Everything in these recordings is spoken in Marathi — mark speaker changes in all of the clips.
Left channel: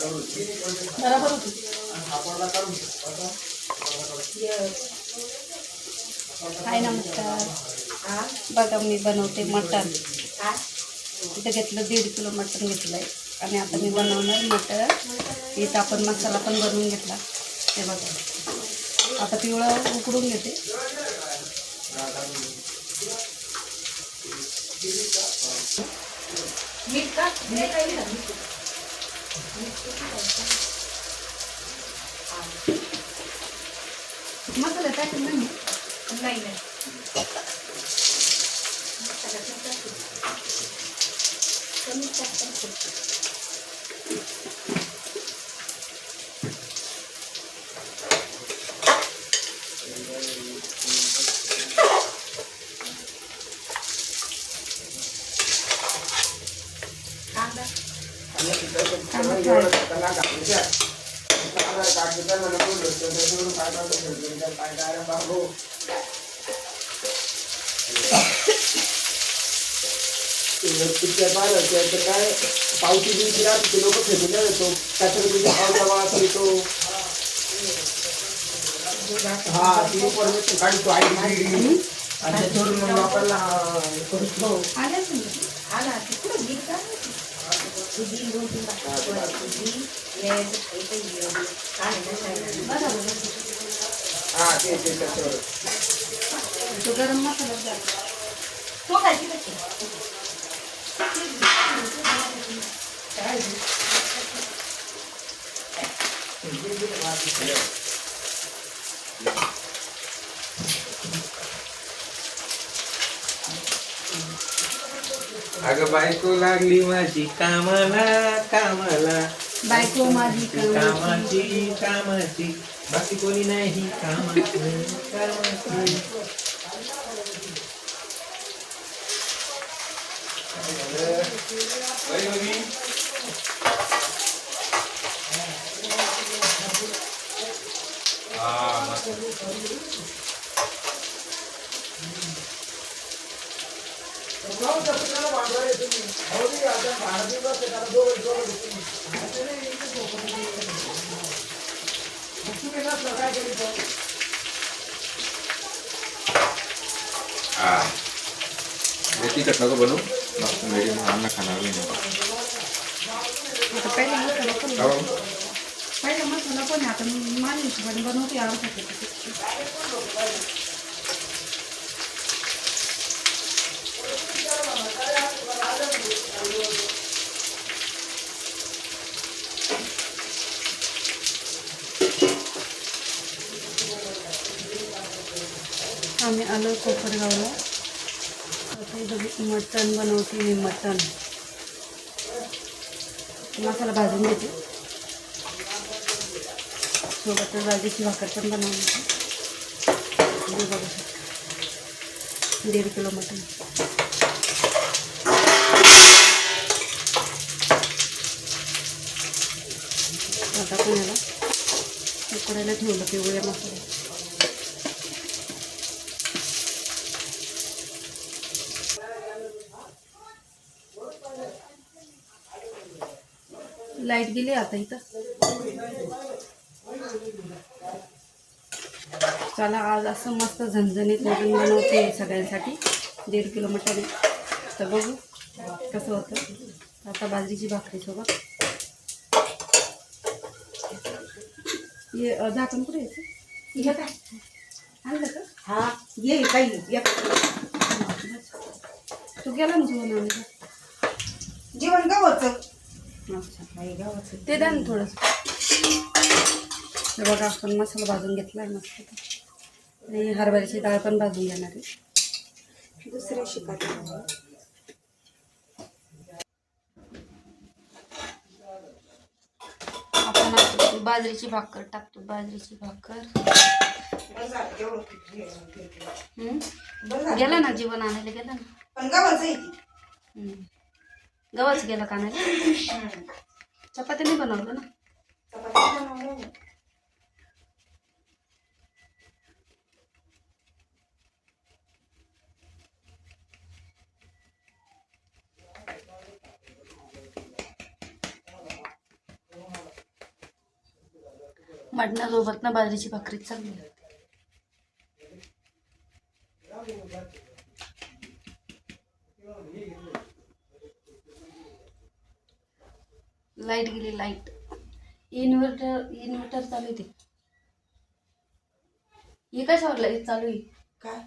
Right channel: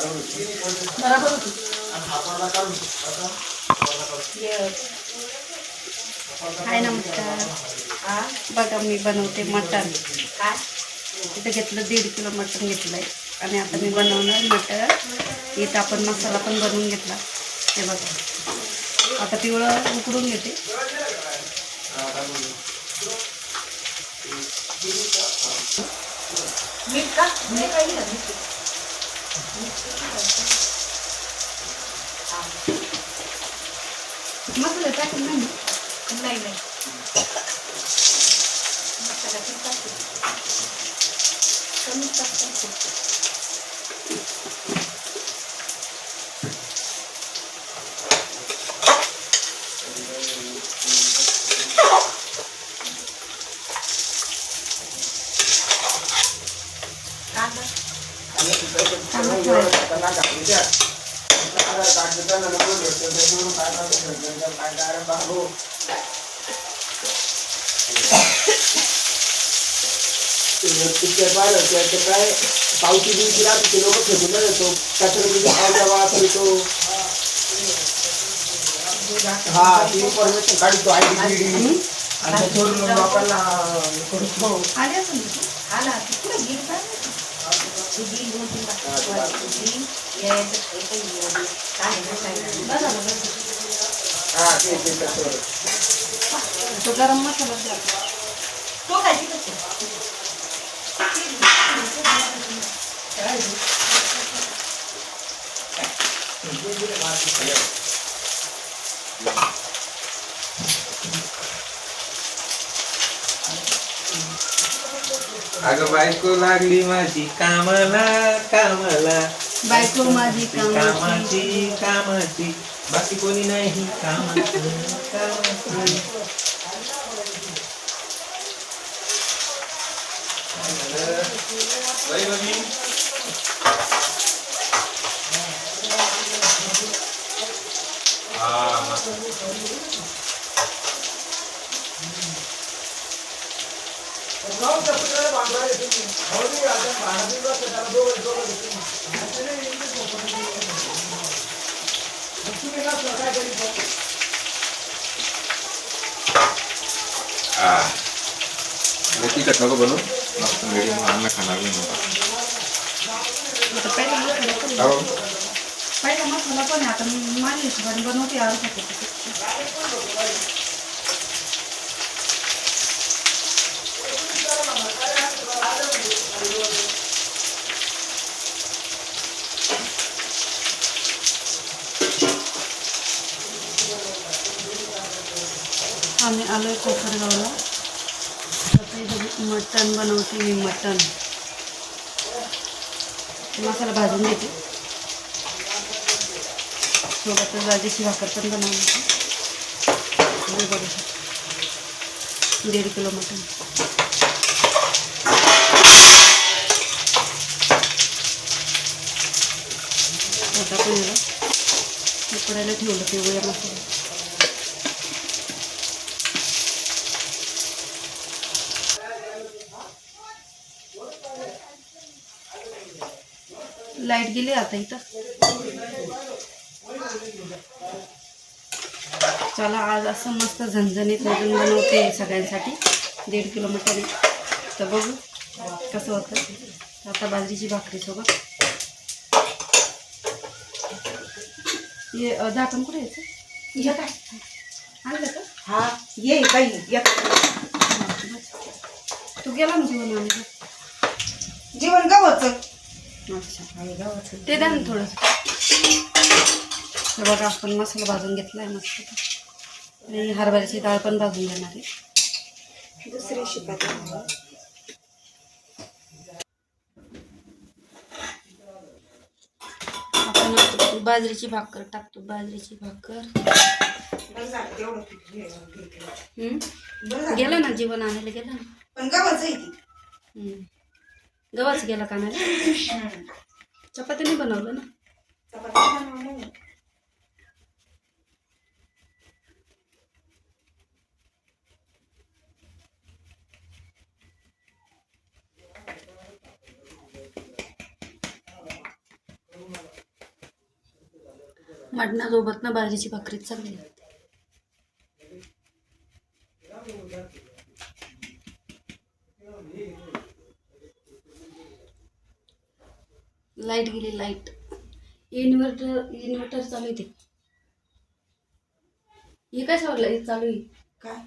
Speaker 1: बरोबर होती. हाय नमस्कार. बघा मी बनवते मटण. इथं घेतलं दीड किलो मटण घेतलं आहे आणि आता मी बनवणार मटण. इथं आपण मसाला पण बनवून घेतला. हे बघा. आता पिवळं उकडून घेते.
Speaker 2: मीठ का? मीठ ना मीठ
Speaker 1: मसाला टाकून नाही
Speaker 2: नाही नाही मसाला पण टाकते. कमी टाकते.
Speaker 3: काय पावती बिवती राहते ते लोक फेकून नाही देतो कचरा पावसा वास येतो हा ती परमिशन काढतो आय डी आणि ते सोडून मग लोकांना करतो.
Speaker 1: आले असेल ना तू?
Speaker 2: आला तिकडे बिल काय तू बिल दोन तीन बिल यायचं खायचं येऊ काय नाही
Speaker 1: बघा बघा.
Speaker 3: हा ते ते तसं.
Speaker 1: तो गरम मसाला द्या.
Speaker 2: तो काय तिकडे
Speaker 4: अगं बायको लागली माझी कामाला कामाला.
Speaker 1: बायको माझी कामाची.
Speaker 4: कामाची बाकी कोणी नाही कामाची. कामाची
Speaker 5: तिखट नको बनवू मस्त मिडियम अन्न खाणार नका
Speaker 1: आता. पहिला मसाला पण. आता मी माझ्या हिशोबाने बनवते किलो. आम्ही आलो कोपरगावला. मटण बनवते मी मटण. मसाला भाजून घेते. सोबतच राजेची भाकर पण बनवली बघू शकतो. दीड किलो मटण. आता पण याला उकडायला ठेवलं पिवळ्या मसाला. लाइट गेली आता इथं. चला आज असं मस्त झणझणीत मटण बनवते सगळ्यांसाठी. दीड किलो मटण आहे तर बघू कसं होतं. आता बाजरीची भाकरीसोबत अ, झाकण कुठे यायचं?
Speaker 2: ये काय
Speaker 1: आणलं का?
Speaker 2: हा ये काही ये.
Speaker 1: तू गेला ना
Speaker 2: जेवण
Speaker 1: अच्छा
Speaker 2: आहे गावाचं
Speaker 1: ते द्या ना थोडंसं. हे बघा आपण मसाला भाजून घेतला आहे मस्त. आणि हरभऱ्याची डाळ पण भाजून घेणार आहे.
Speaker 2: दुसरे शिकायचं.
Speaker 1: आपण बाजरीची भाकर टाकतो बाजरीची भाकर? गेलं ना जीवन आणायला गेलं ना. गव्हाच गेला का आणायला? चपाती नाही बनवलं ना
Speaker 2: चपाती बनवल्या.
Speaker 1: मटणासोबत ना बाजरीची भाकरी चांगली लागते लाइट गेली लाइट. इन्व्हर्टर इन्व्हर्टर चालू आहे ते. हे काय लाइट चालू आहे.
Speaker 2: काय?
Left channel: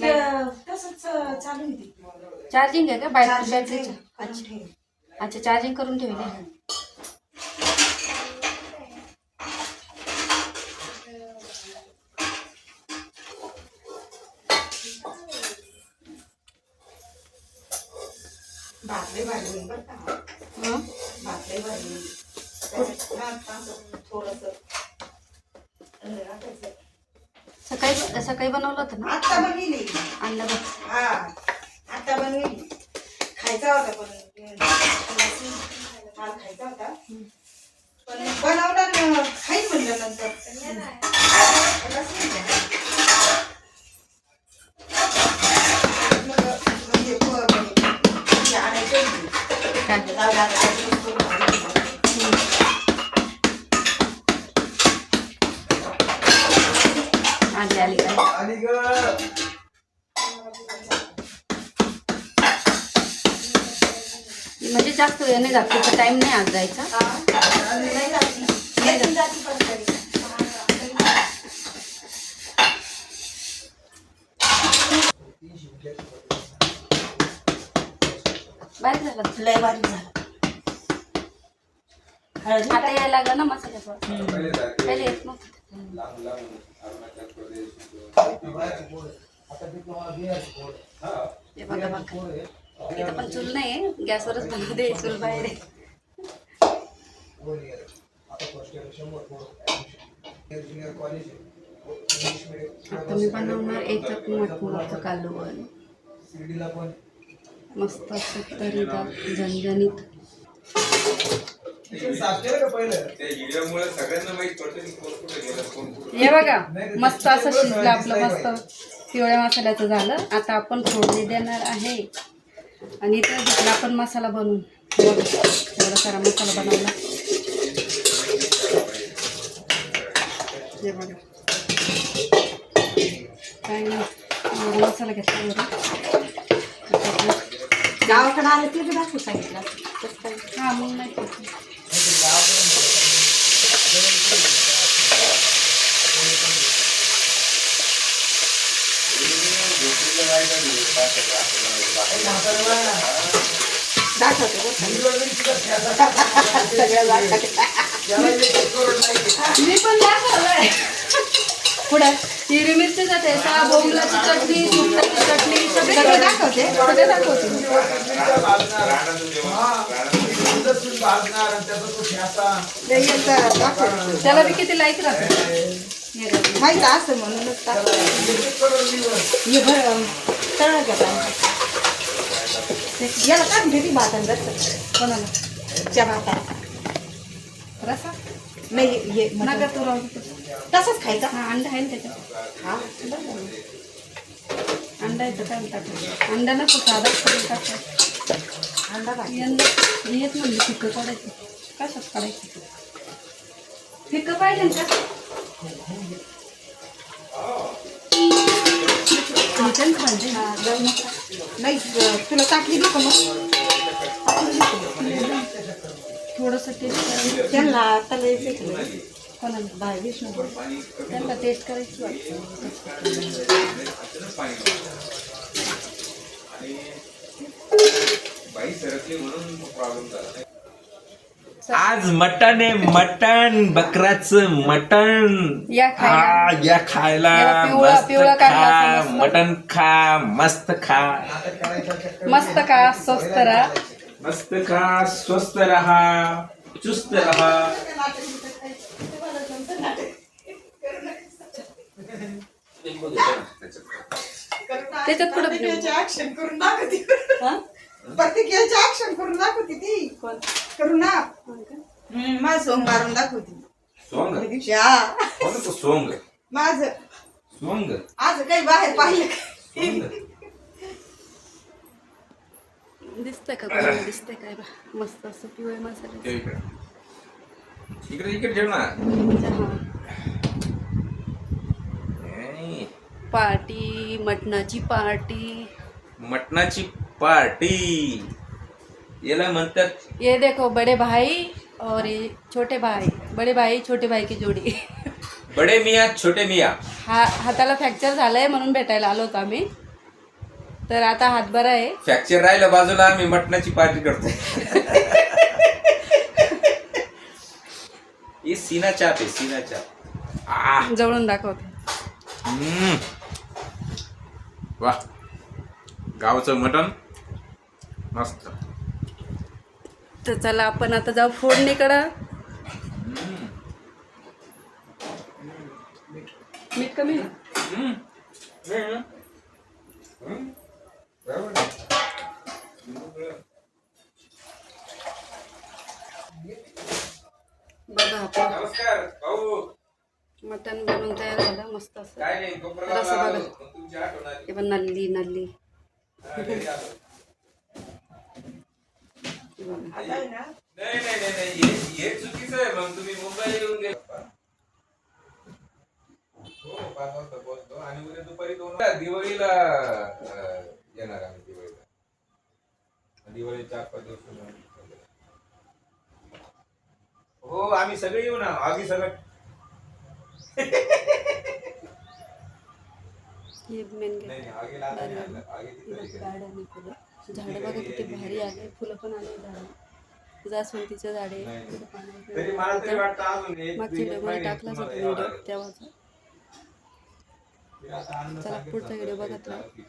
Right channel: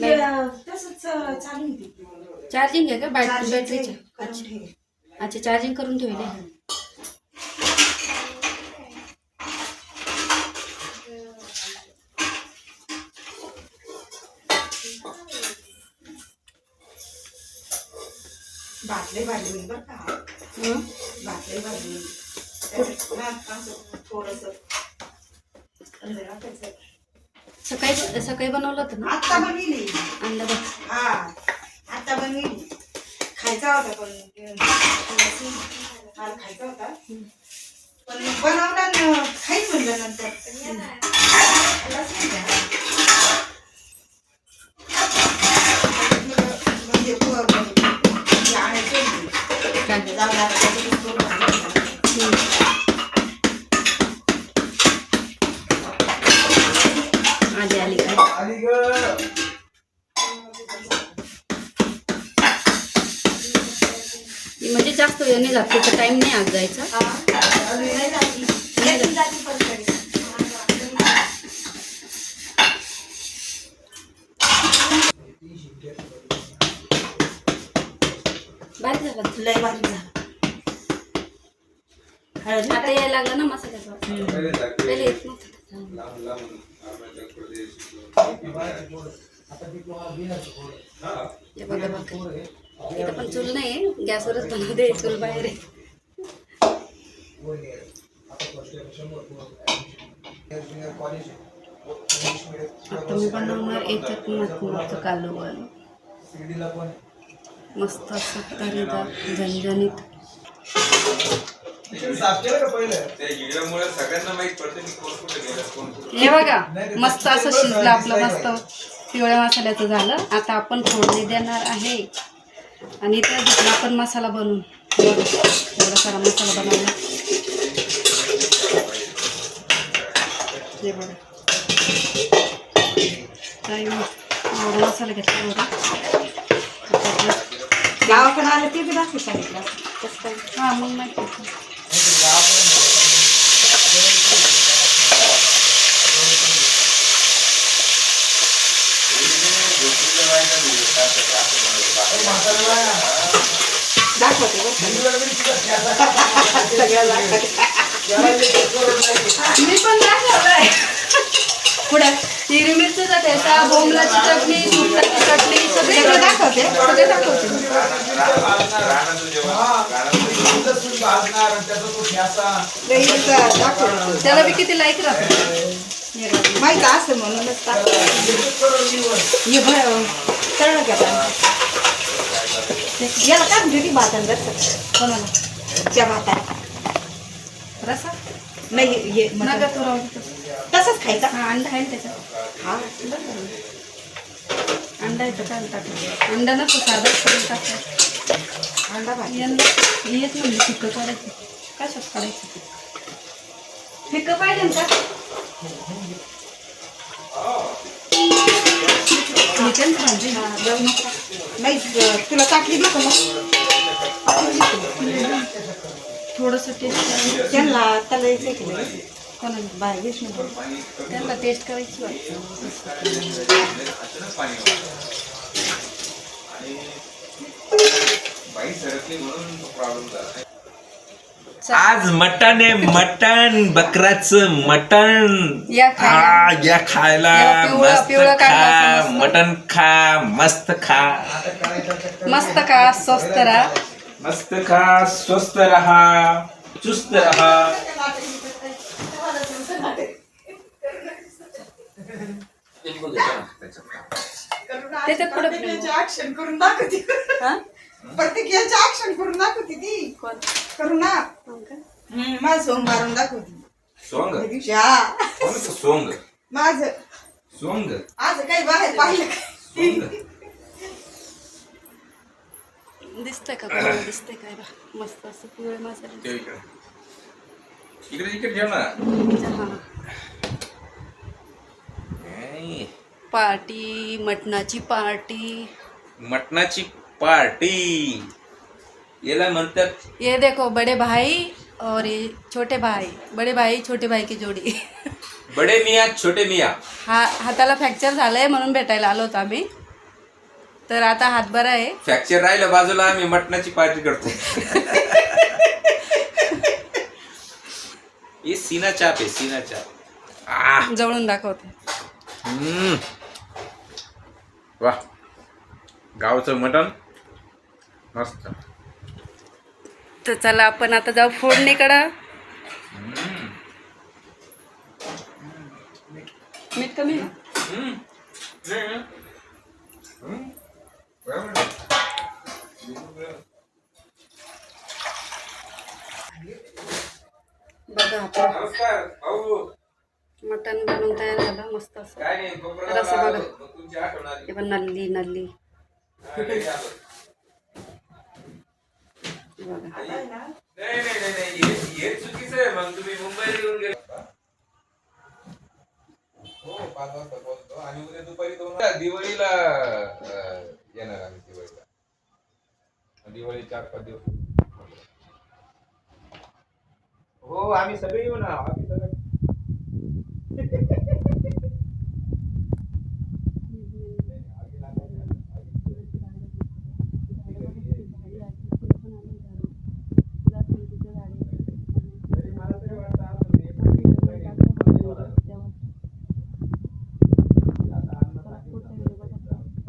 Speaker 2: ते तसंच चालू आहे ते.
Speaker 1: चार्जिंग आहे का? बॅटरी
Speaker 2: Charging
Speaker 1: बॅटरीची
Speaker 2: करून ठेव.
Speaker 1: अच्छा चार्जिंग करून ठेवले
Speaker 2: भाकरी भाजी होईल बरं का.
Speaker 1: हं?
Speaker 2: भाकरी भाजी. होईल. त्याच्यात असं थोडंसं अंदर टाकायचं.
Speaker 1: सकाळी सकाळी बनवलं होतं ना?
Speaker 2: आता बनविली.
Speaker 1: अंडा बघ.
Speaker 2: हा आता बनविली. खायचा होता पण खायचा होता. पण बनवला न खाईन म्हणलं नंतर. म्हणजे.
Speaker 1: आली आली. काय जास्त वेळ नाही त्याचा टाइम नाही आज जायचा
Speaker 2: हा? नाही जाती. नाही जाती पण तरी.
Speaker 1: बारीक झाला
Speaker 2: लय बारीक झाला हळद
Speaker 1: आता यायला लागला ना मसाल्याचा पहिले येत नव्हतं. हे बघा बघा
Speaker 3: आहे.
Speaker 1: इथं पण चूल नाही गॅसवरच बनवते चूल बाहेर आहे
Speaker 3: आहे. आता आहे.
Speaker 1: मी बनवणार याच्यात कालवण
Speaker 3: शिर्डीला पण
Speaker 1: मस्त असं तरीदार झणझणीत. हे बघा मस्त असं शिजलं आपलं मस्त पिवळ्या मसाल्याचं झालं. आता आपण फोडणी देणार आहे. आणि इथं घेतला आपण मसाला बनवून एवढा सारा मसाला बनवला. हे बघा. काय एवढा मसाला घेतला बरं
Speaker 2: गावाकडे आलं ते बी दाखवू सांगितलं कसं काय
Speaker 1: हा मग
Speaker 2: दाखवते
Speaker 1: मी पण दाखवलंय पुढे. हिरवी मिरचीचा ठेचा बोंबलाची चटणी सुकटाची चटणी सगळी
Speaker 2: दाखवते.
Speaker 1: सगळे दाखवते. त्याला बी किती लाईक राहते
Speaker 2: माहीत असं म्हणूनच
Speaker 3: मी.
Speaker 2: हे भर तळलं का आता? याला काय म्हणते ती भातान
Speaker 1: कोणाला
Speaker 2: त्या भाताला.
Speaker 1: रसा
Speaker 2: नाही हे
Speaker 1: नका
Speaker 2: मटण.
Speaker 1: तू.
Speaker 2: तसंच खायचा?
Speaker 1: हा अंडा आहे ना त्याच्यात.
Speaker 2: हा.
Speaker 1: अंडा येतं काय टाकायचं अंडा नको साधा करून टाकायचं
Speaker 2: अंडा भाजी.
Speaker 1: येत म्हणले फिकं काढायचं. कशात काढायचं फिकं? पाहिजे ना का? चिकन पाहिजे
Speaker 2: नाही तुला ताटली नको मग.
Speaker 1: थोडंसं टेस्ट करायचं
Speaker 2: त्यांना?
Speaker 1: कोणाला
Speaker 2: बाय विष्णू
Speaker 1: त्यांना टेस्ट करायची
Speaker 4: आज मटण आहे मटण बकराचं मटण
Speaker 1: या खायला.
Speaker 4: मस्त खा. मटण खा मस्त खा
Speaker 3: आता.
Speaker 1: मस्त का स्वस्त राहा
Speaker 4: मस्त खा स्वस्त रहा चुस्त रहा।
Speaker 1: त्याच्यात कुठं
Speaker 2: ऍक्शन करून दाखवते.
Speaker 1: हा?
Speaker 2: प्रतिक्रियाचे ऍक्शन करून दाखवते ती.
Speaker 1: कोण?
Speaker 2: करू ना
Speaker 1: का?
Speaker 2: हम्म, माझं सोंग मारून दाखवते.
Speaker 5: सोंग
Speaker 2: त्या दिवशी हा
Speaker 5: कोणाचं सोंग
Speaker 2: माझं.
Speaker 5: सोंग
Speaker 2: आज काही बाहेर पाहिलं का?
Speaker 5: सोंग
Speaker 1: दिसतंय का कोणाला? दिसतंय काय बा मस्त असं मसाले
Speaker 5: ठेव इकडे. इकडे इकडे ठेव ना.
Speaker 1: चहा
Speaker 5: नाही.
Speaker 1: पार्टी मटणाची पार्टी.
Speaker 5: मटणाची पार्टी. याला म्हणतात
Speaker 1: ये देखो बड़े भाई और ये छोटे भाई. बड़े भाई छोटे भाई की जोडी.
Speaker 5: बडे मिया छोटे मिया.
Speaker 1: हा हाताला फ्रॅक्चर झालंय म्हणून भेटायला आलो होतो आम्ही. तर आता हात बरा आहे.
Speaker 5: फ्रॅक्चर राहिलं बाजूला आम्ही मटणाची पार्टी करतो. ही सीना चाप आहे सीना चाप. आ.
Speaker 1: जवळून दाखवते.
Speaker 5: हम्म. वा. गावचं मटण. मस्त.
Speaker 1: तर चला आपण आता जाऊ फोडणीकडं. मीठ कमी आहे?
Speaker 5: हम्म. हम्म.
Speaker 1: बघा आपण. मटण बनवून तयार झालं मस्त असं. बघा. हे पण नल्ली नल्ली.
Speaker 5: हा.
Speaker 1: बघा.
Speaker 2: आता आहे ना
Speaker 5: नाही नाही नाही. नाही चुकीचं आहे. मग तुम्ही मुंबईला येऊन गेले. पाच वाजता पोहोचतो आणि उद्या दुपारी दोन दिवाळीला येणार आम्ही दिवाळीला. दिवाळी चार पाच दिवस हो आम्ही सगळे येऊ ना. आधी सगळं.
Speaker 1: झाडं बघा किती भारी आले फुलं पण आले झाडं. जास्वंदीचे झाडे. टाकलाच होता.
Speaker 5: मध्ये
Speaker 1: व्हिडिओ
Speaker 5: अन्न
Speaker 1: चला पुढचा व्हिडिओ बघत राहा